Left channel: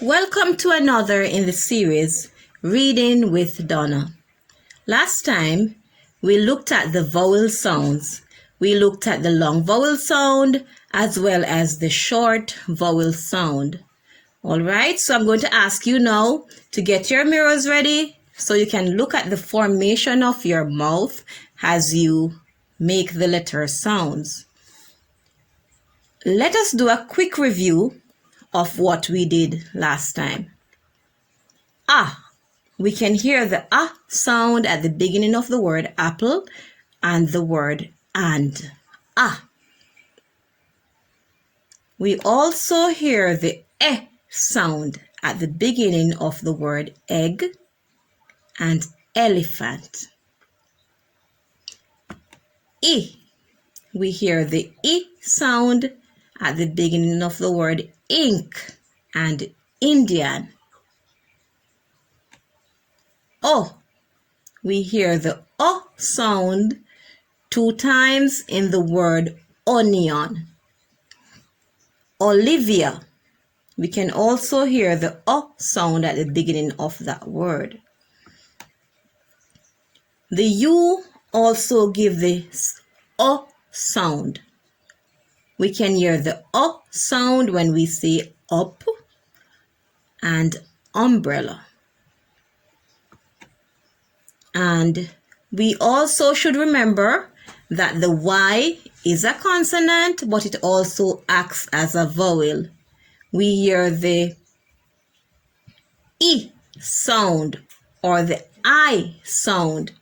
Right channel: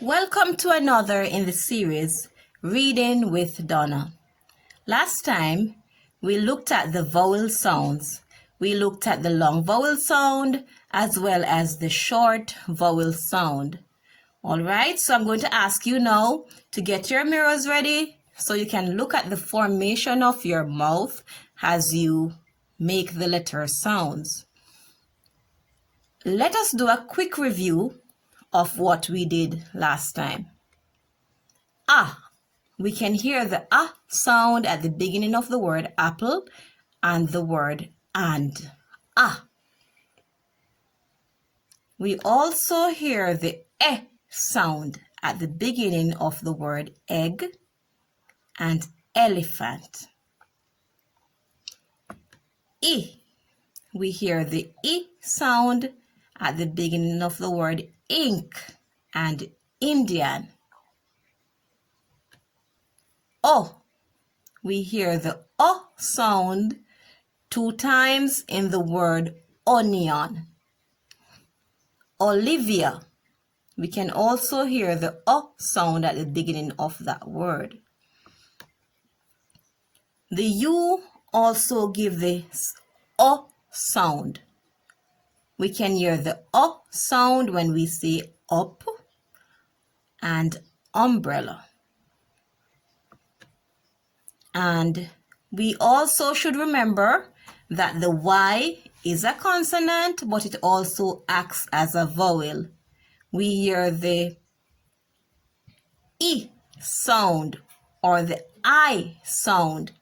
Welcome to another in the series, Reading with Donna. Last time, we looked at the vowel sounds. We looked at the long vowel sound as well as the short vowel sound. All right, so I'm going to ask you now to get your mirrors ready so you can look at the formation of your mouth as you make the letter sounds. Let us do a quick review of what we did last time. We can hear the sound at the beginning of the word apple and the word and. We also hear the sound at the beginning of the word egg and elephant. We hear the sound at the beginning of the word ink and Indian. We hear the sound 2 times in the word onion. Olivia. We can also hear the sound at the beginning of that word. The U also give the sound. We can hear the sound when we say up and umbrella. And we also should remember that the Y is a consonant, but it also acts as a vowel. We hear the E sound or the I sound.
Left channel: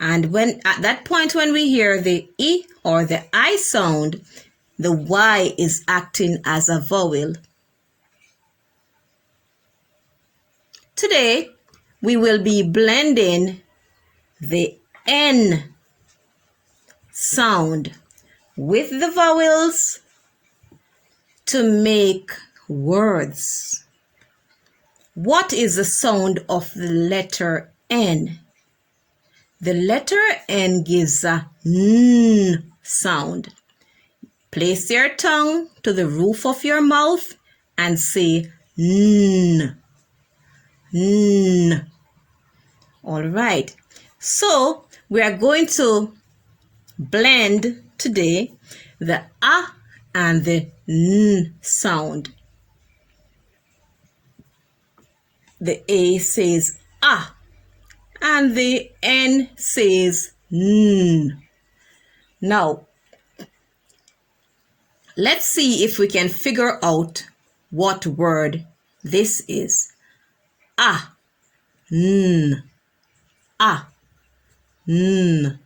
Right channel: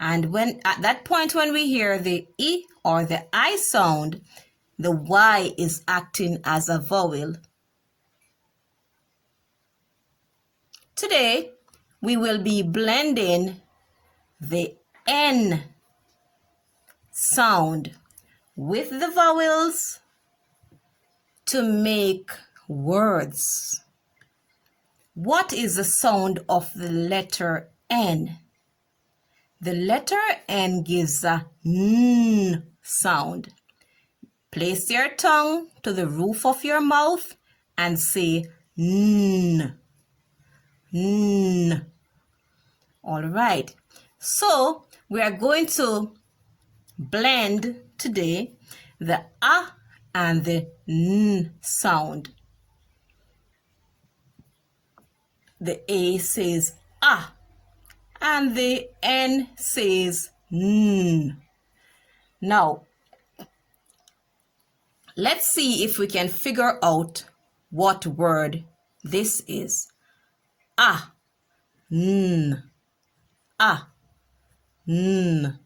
And when at that point when we hear the E or the I sound, the Y is acting as a vowel. Today, we will be blending the N sound with the vowels to make words. What is the sound of the letter N? The letter N gives a N sound. Place your tongue to the roof of your mouth and say N. N. All right. So we are going to blend today the A and the N sound. The A says A and the N says N. Now, let's see if we can figure out what word this is. N. N. N.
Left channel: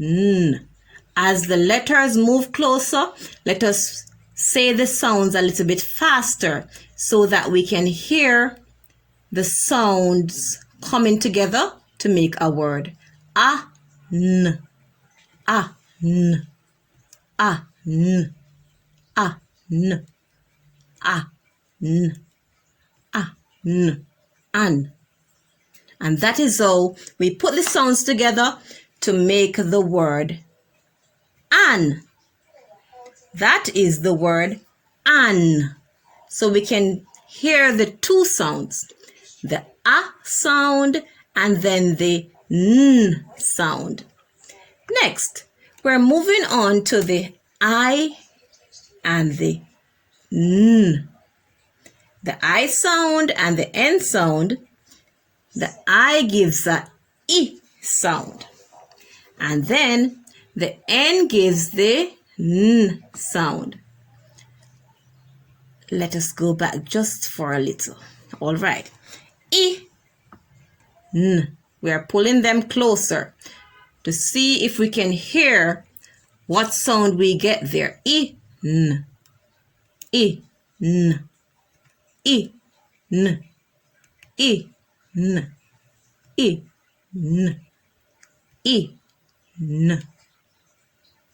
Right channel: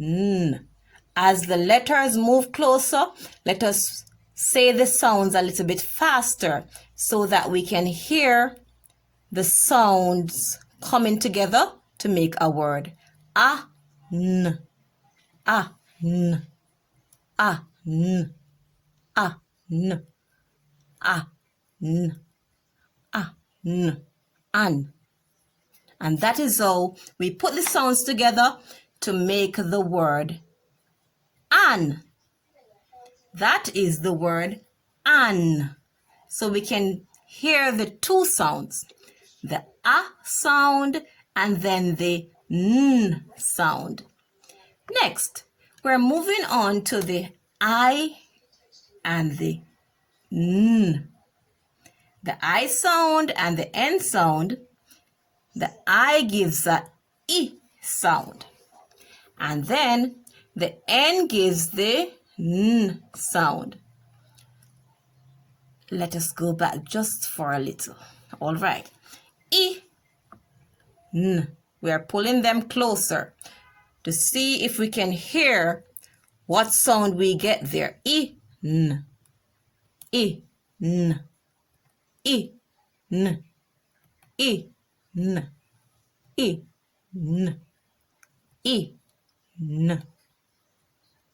N. As the letters move closer, let us say the sounds a little bit faster so that we can hear the sounds coming together to make a word. N. N. N. N. N. N. An. And that is how we put the sounds together to make the word an. That is the word an. So we can hear the 2 sounds, the A sound and then the N sound. Next, we're moving on to the I and the N. The I sound and the N sound. The I gives the E sound. And then the N gives the N sound. Let us go back just for a little. All right. E, N. We are pulling them closer to see if we can hear what sound we get there. E, N. E, N. E, N. E, N. E, N. E, N.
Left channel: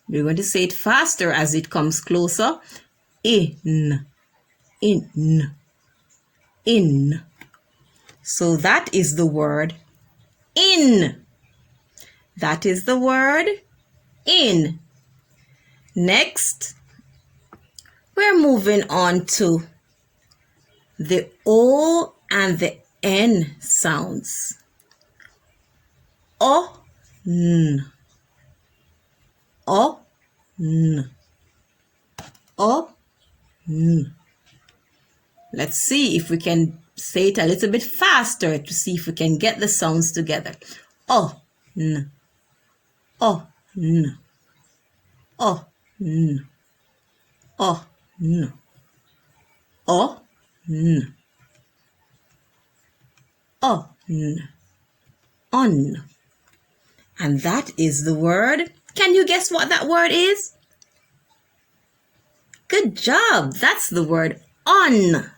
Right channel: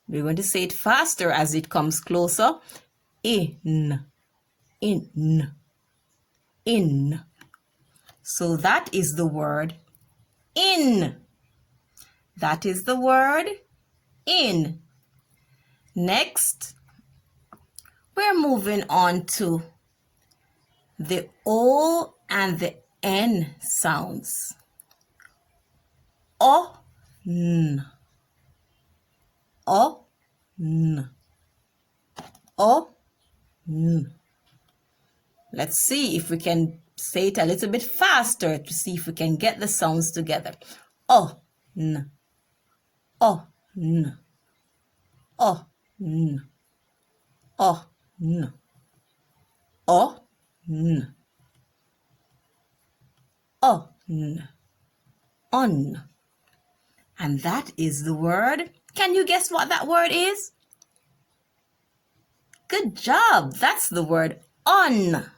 We're going to say it faster as it comes closer. In. In. In. So that is the word in. That is the word in. Next, we're moving on to the O and the N sounds. O, N. O, N. O, N. Let's see if we can say it a little bit faster to see if we can get the sounds together. O, N. O, N. O, N. O, N. O, N. O, N. On. And that is the word. Can you guess what that word is? Good job. That's the word on.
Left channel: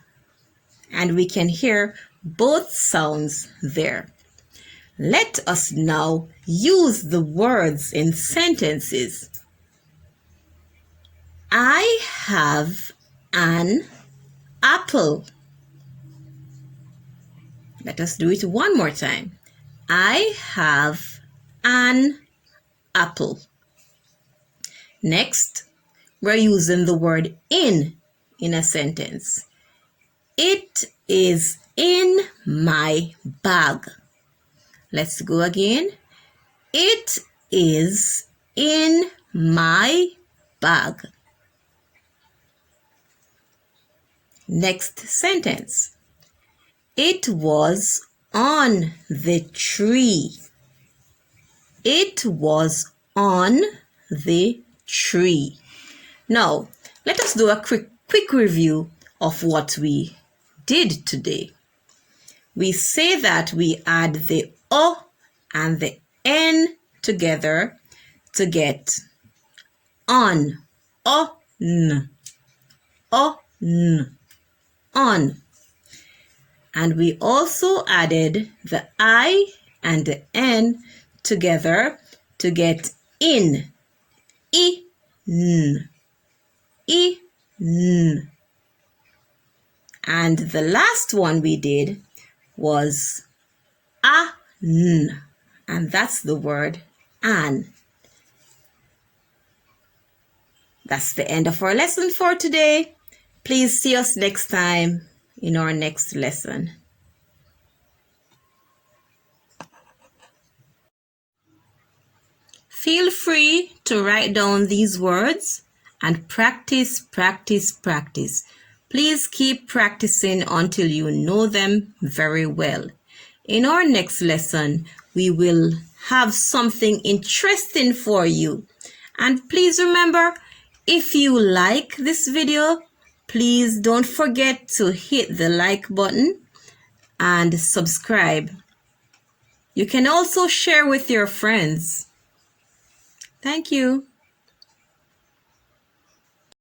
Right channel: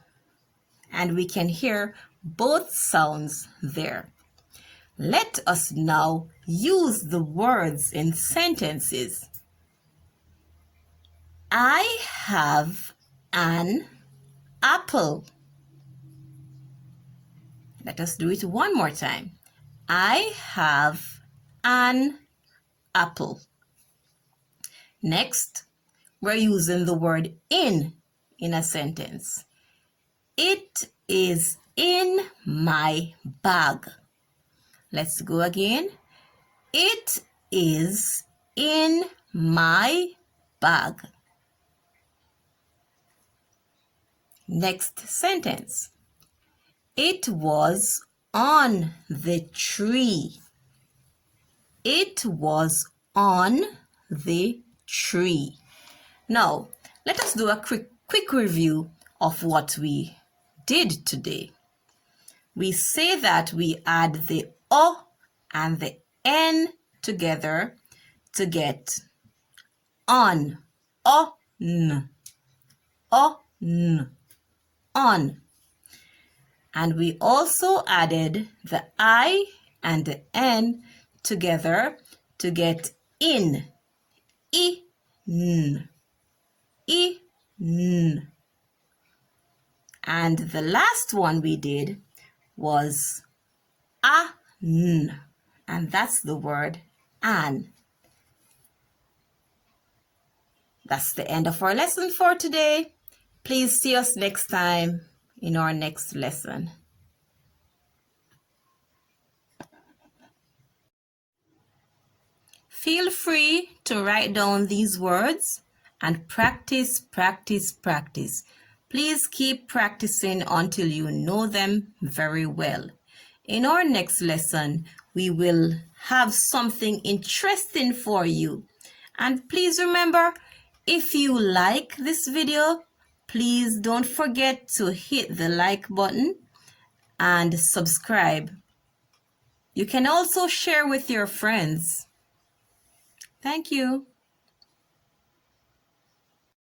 And we can hear both sounds there. Let us now use the words in sentences. I have an apple. Let us do it one more time. I have an apple. Next, we're using the word in a sentence. It is in my bag. Let's go again. It is in my bag. Next sentence. It was on the tree. It was on the tree. Now, let us do a quick review of what we did today. We say that we add the O and the N together to get on. O-N. O-N. On. And we also added the I and the N together to get in. I-N. I-N. And the last one we did was an, and that's the word an. That's the end of our lesson for today. Please see us next time in our next lesson. Feel free to write down these words and practice, practice, practice. Please keep practicing until you know them very well. In our next lesson, we will have something interesting for you. And please remember, if you like this video, please don't forget to hit the like button and subscribe. You can also share with your friends. Thank you.